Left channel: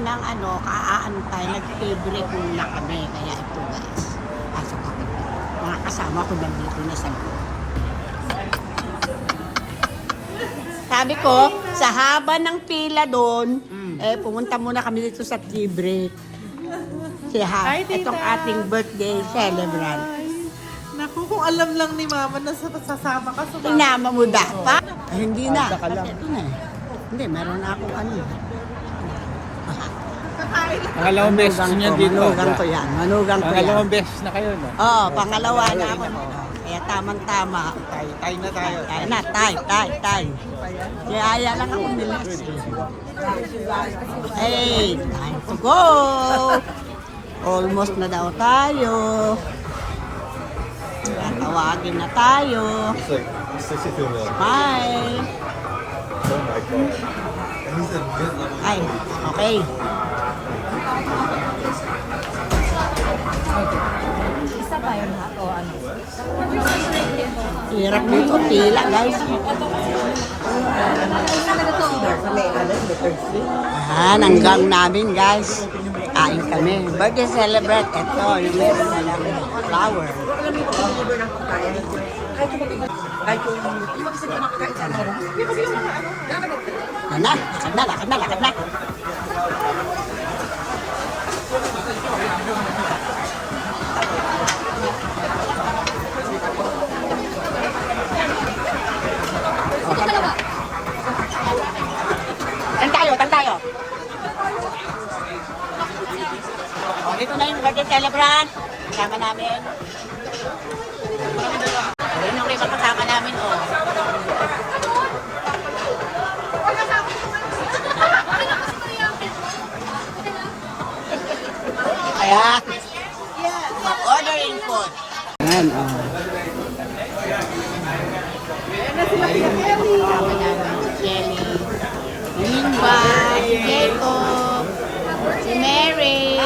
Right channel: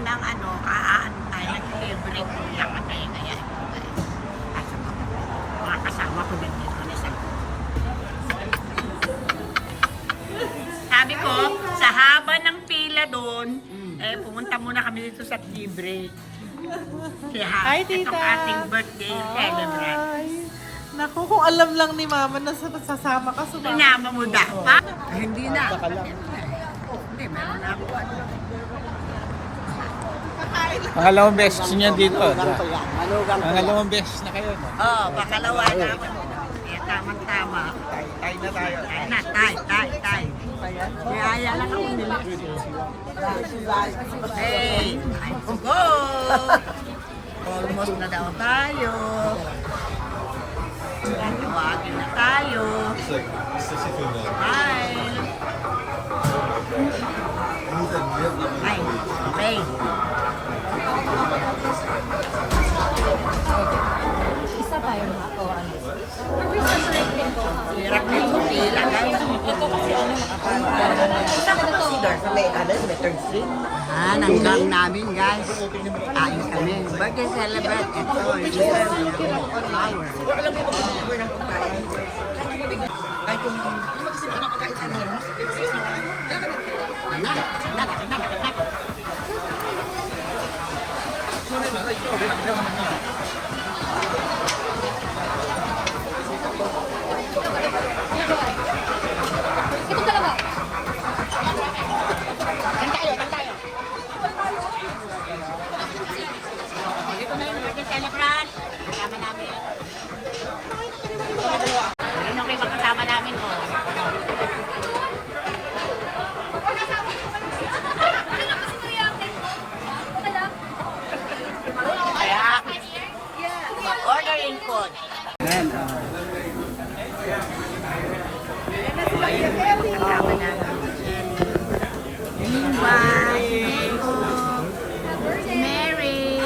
Nang ano, kaaantay, nag-favorite muna kami. Kaya ito guys, pasok ako. Mga kasama ko nandito na sa loob. Sabi ko, sa haba ng pila doon, pumunta muna kami dito sa tea break. Hi, tita. Itong ating birthday celebrant. Naku, kung alam lang ni mama na sasama ka sila. Inama mo dapat? Hindi na. Hindi, meron na ako ano. Pangalawang beses niya dito, diba? Pangalawang beses na kayo, no? Oo, pangalawa na ako. Kaya tamang-tama. Ay, na, tay. Kaya lang ako nilas. Hey, time to go! Almost na daw tayo. Tawagin na tayo. Smile. Ay, okay. Isa ba yun ha? O ano? Hirap na yung pila, guys. Hanggang namin, guys. Kain kami. Birthday celebrate. Ito, yung meron nilang flower. Lakad na. Tan tayo. Dito na yung birthday celebrant. Kasama namin. Yun yung reason kasama namin. Kaya, mag-ordering food. Ayan, kasama namin si Kelly. Nimba, si Jacob, si Mary.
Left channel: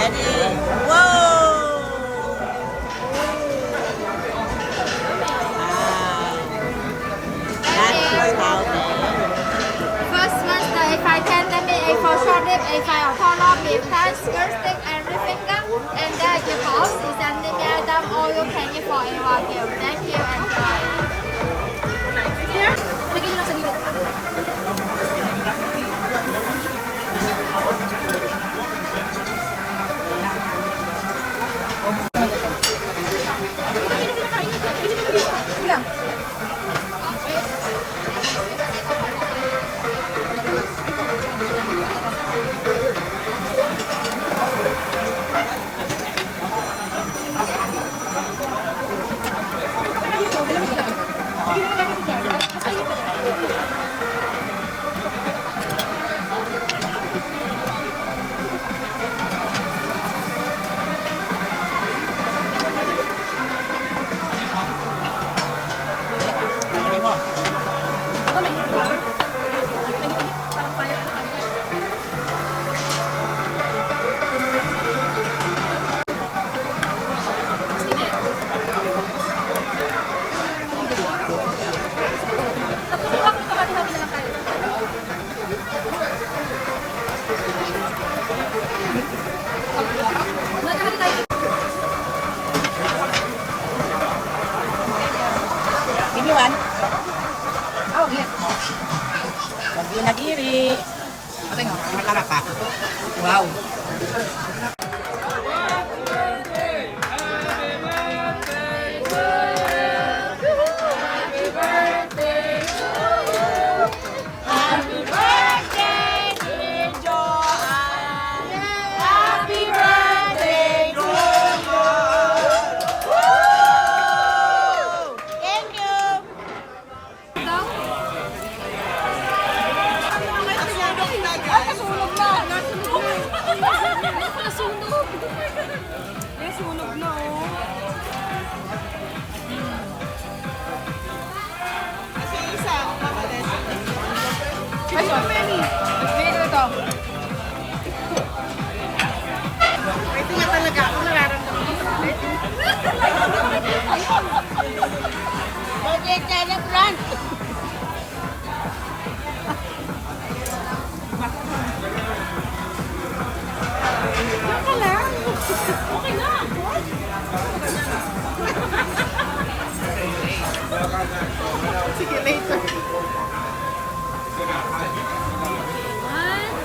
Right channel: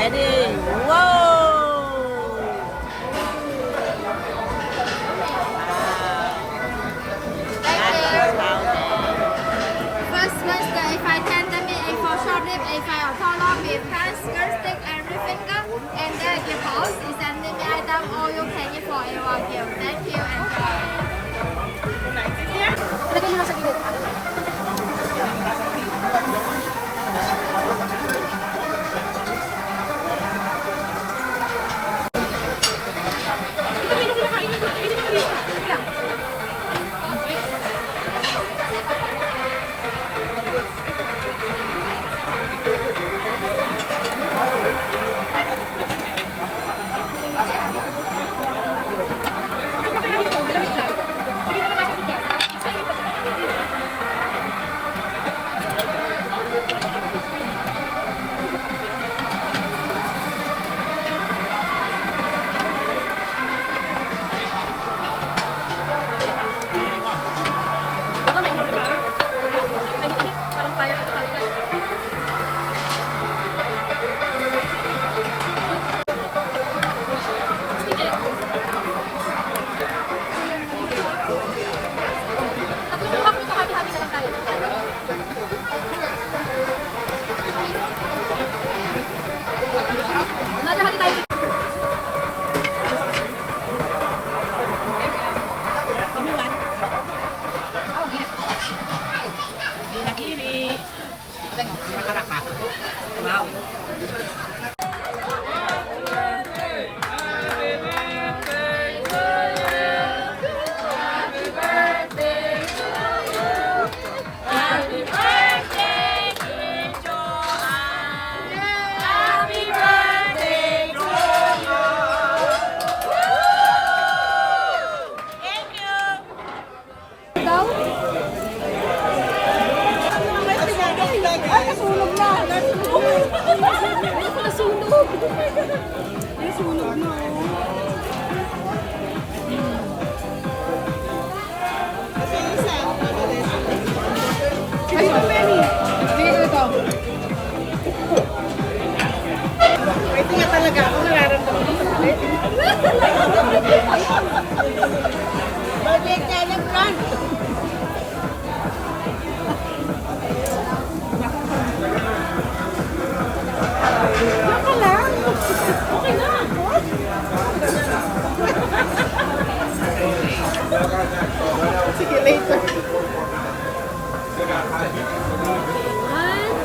Ready? Whoa! First master, if I tell them a for short rib, a for long rib, hand, skirt stick, and rib finger, and then the boss is an item all you can eat for a while. Thank you and bye. Lagyan nyo lang sa gilid. Birthday celebrant! Diyan ka lang. Okay na. Sige, later. 1,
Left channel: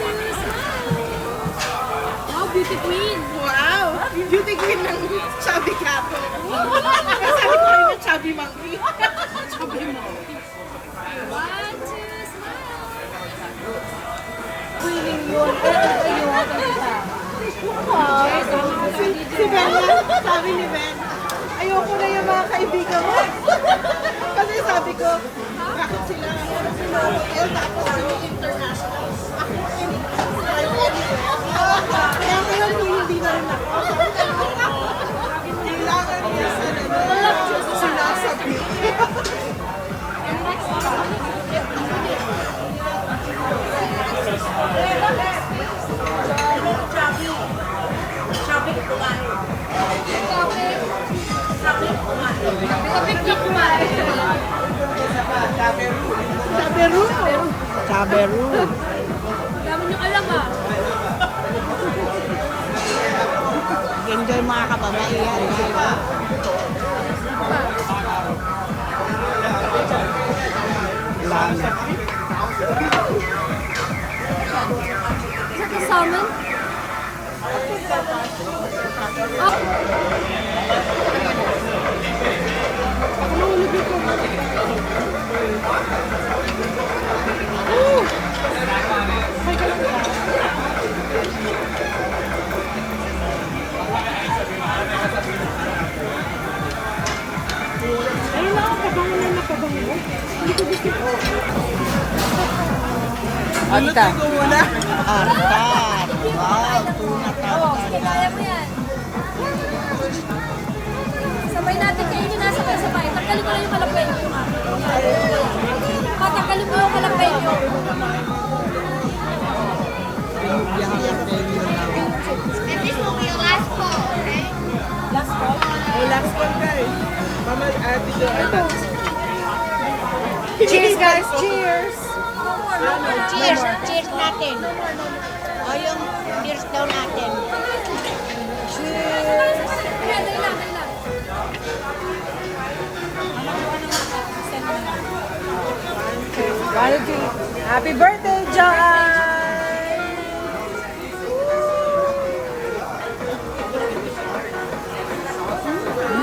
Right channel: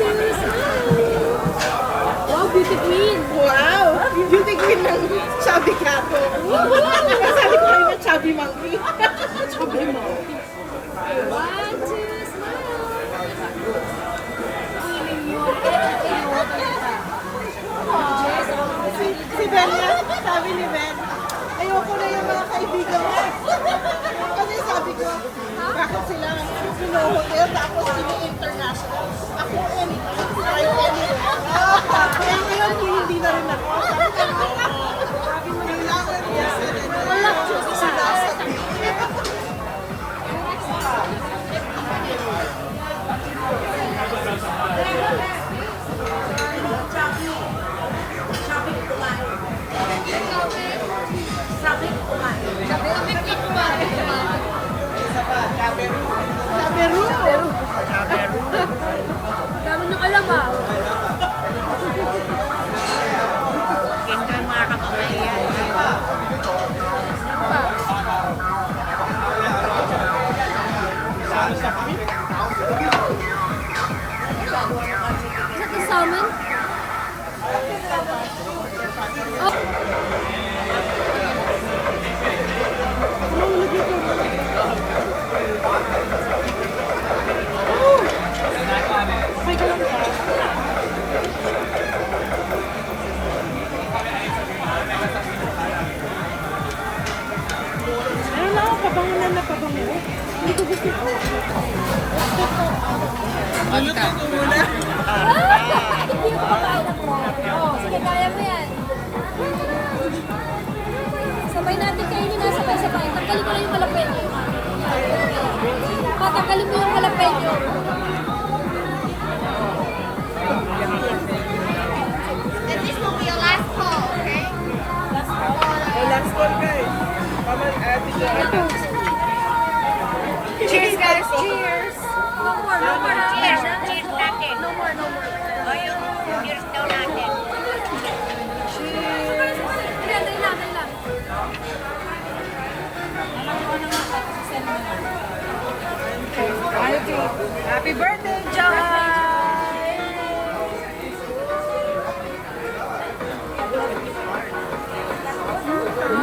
2, smile! Wow, beauty queen! Wow! Beauty queen ng chubby kato. Sabi ko kayo na chubby monkey. Chubby monkey. 1, 2, smile! Si Ben nga, sabi ni Ben, ayoko na yung mga kaibigan mo. Kasi sabi ko, bakit sila hotel tapos kami international. Ako, kaya ngayon po hindi na rin ako. Kailangan niya sa sinasabi. Saberu. Saberu. Dami nyo alam ah. Enjoy mga kapamilya. Is that the salmon? Oh. Ano lang, pabango na napabango. Hindi ko gusto ko. Ano ko muna? Hindi ko makain ng raw. Sige, kaya mo yan. Sabay natin kainin na sabay-sabay. Tanggalin ko lang yung jalapeno yung akin. Patanggalin mo yung jalapeno. Last call, okay? Last call? Oh, last call guys. Dito. Ito. Cheers guys, cheers. No more, no more. Cheers, cheers natin. No more, no more. O yung cheers daw natin. Dali lang, dali lang. Happy birthday, John!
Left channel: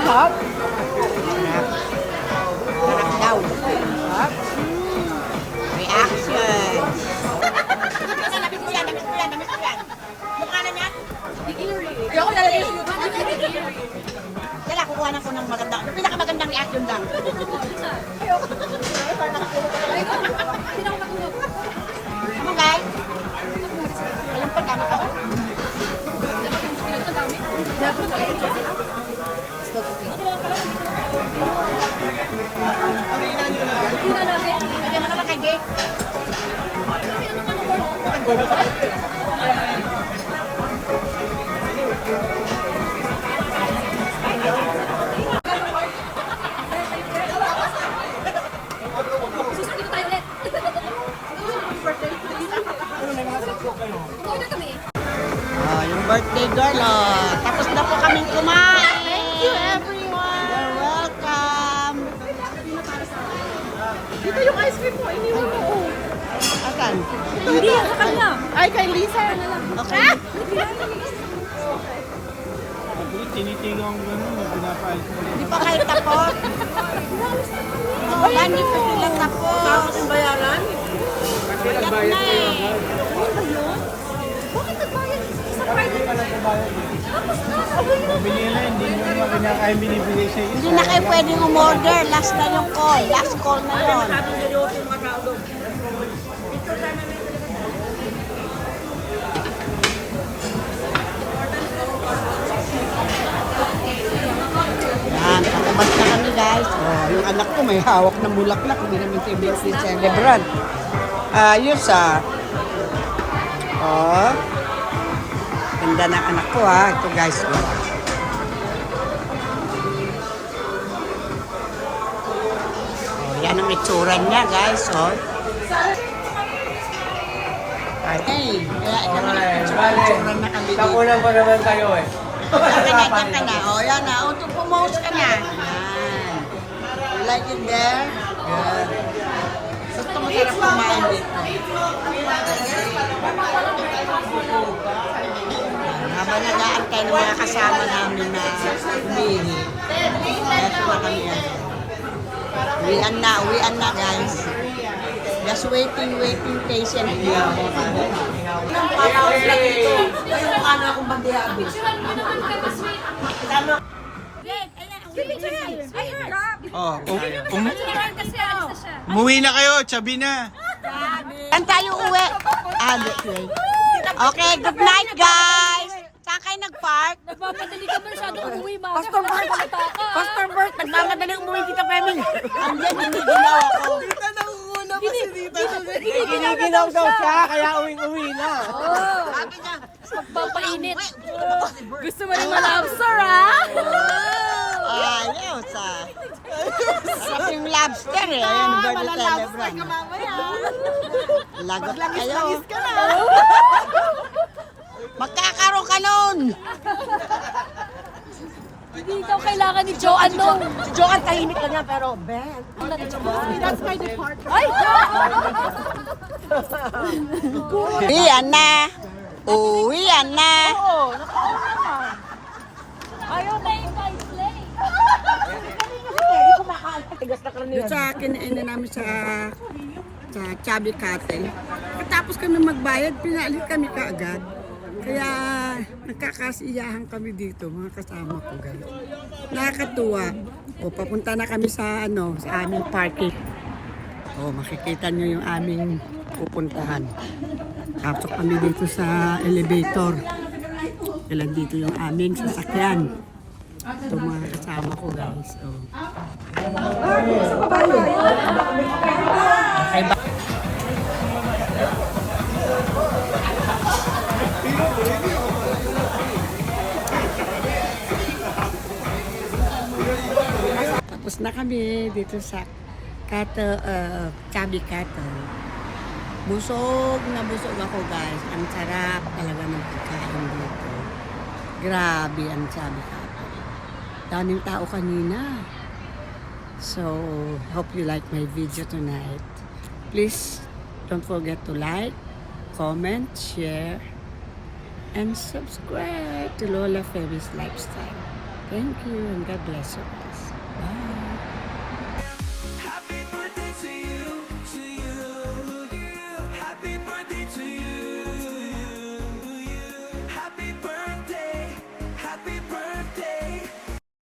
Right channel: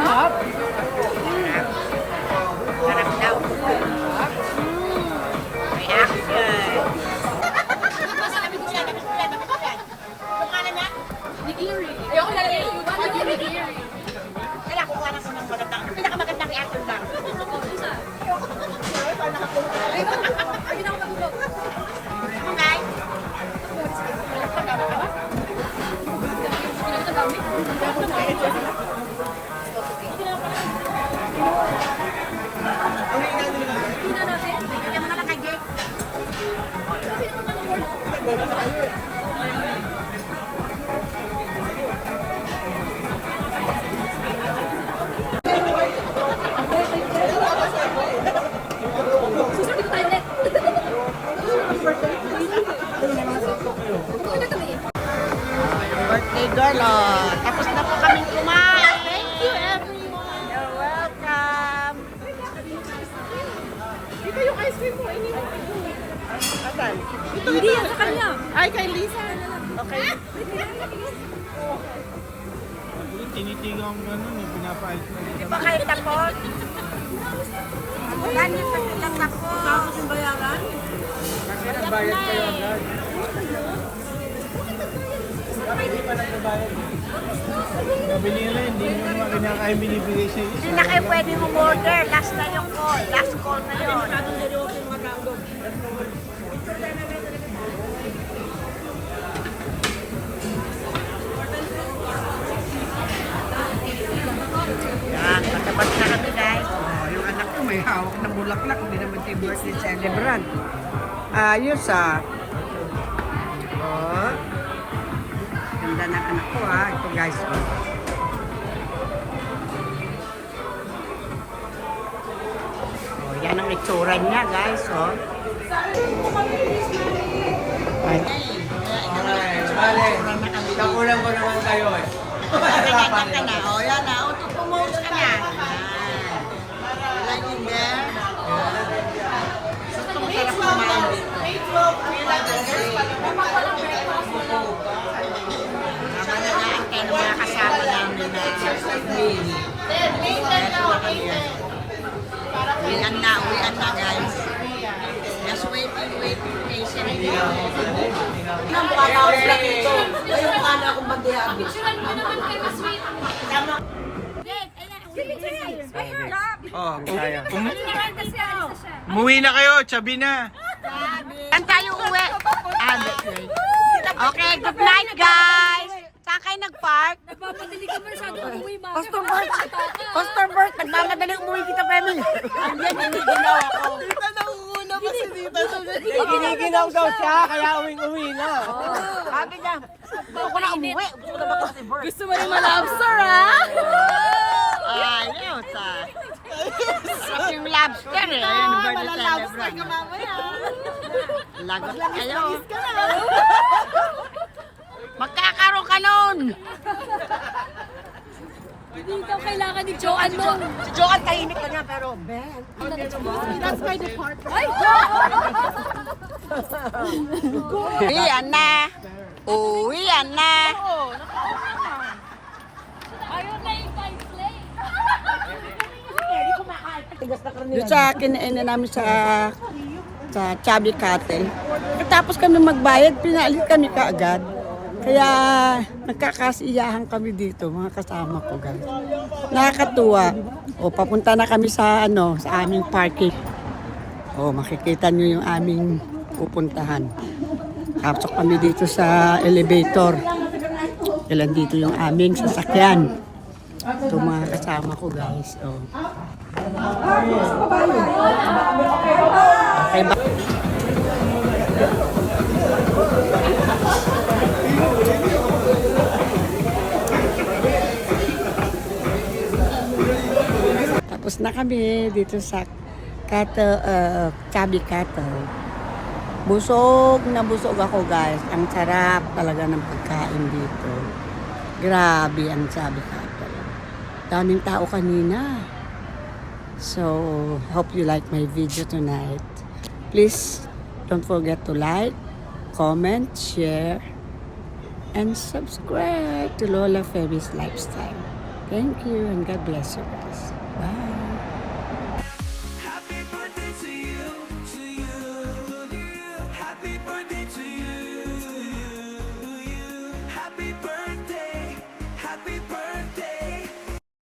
Hop! Sarap daw. Reaction. Damit mo yan. Mukha na niya. Ako lalagay yung iba. Kaya kukuha ko ng pinakamagandang reaction lang. Ano guys? Walang pagkama ka? Hindi na natin. Kaya mo na lang kay Susunod ko tayo ulit. yung birthday girl, oh. Tapos na po kaming kumain. Thank you, everyone. You're welcome. Asan? Hindi yan sa kanya. Ay, kay Lisa. Okay. Tinitigang gano'n, pinapayos na rin kami. Bakit tapos? Yan, yung pa silang tapos. Tapos yung bayaran? Kasi nagbayad kayo agad. Mabili na, hindi nyo mga kinakain binibigay sa iyo. Hindi na kayo pwedeng umorder. Last na yung call. Last call na yun. seryoso yung mga tao doon. Yan, patapos na kami guys. Oh, yung anak ko may hawak na bulaklak. Hindi naman siya birthday celebrant. Ayos ah. Oh. Ganda ng anak ko ah. Ito guys. Oh. yan ang itsura niya, guys. Oh. Okay. Kaya kami nagpitsura na kami dito. Nakunan ko naman kayo eh. Diyan ka na. O, yan na. O, pumose ka na. Yan. You like it there? Good. Gusto mo sarap kumain dito. Habang nag-aantay ng mga kasama namin na umihi. Kaya tuwa kami yan. Uwian na guys. Just waiting patiently. Ang patawas lang ito. Ayun ka na akong magdihabi. Oh, umuwi na kayo, tsabi na. Saan tayo uwi? Okay, good night guys! Saan kayo nag-park? Nagmamadali ka masyado umuwi, ma. Pastor Bert, nagmamadali umuwi kita, Peming. Andiyan, giniginaw ako. Tita, nauuna pa si Tita. Giniginaw daw siya, kaya uwi na. Sabi niya, Papainit. Gusto mo rin ma-lobster, ha? ayaw sa... Sarap yung lobster eh. Ayun, birthday celebrant. Mamaya. Lagot lang kayo. Langis ka na. Magkakaroon ka nun. Hindi daw kailangan ni Joanne nung. Joan, tahimik na niya pero Ben. That's my department. Ay! Uwian na. Uwian na. Ayaw na yung vice lane. Doon sa kinainin namin sa Chubby Cattle. Tapos kami magbayad, pinaalis kami kaagad. Kaya nagkakasiyahan kami dito, mga kasama ko guys. Nakakatuwa. O papunta na kami sa sa aming parking. O makikita niyo yung aming pupuntahan. Tapos kami dito sa elevator. Kailan dito yung aming sasakyan. Ito mga kasama ko guys. O. Okay ba? Tapos na kami dito sa Chubby Cattle. Busog na busog ako guys. Ang sarap talaga ng pagkain dito. Grabe ang Chubby Cattle. Daming tao kanina. So, hope you like my video tonight. Please don't forget to like, comment, share, and subscribe to Lola Febby's Lifestyle. Thank you and God bless you guys. Bye.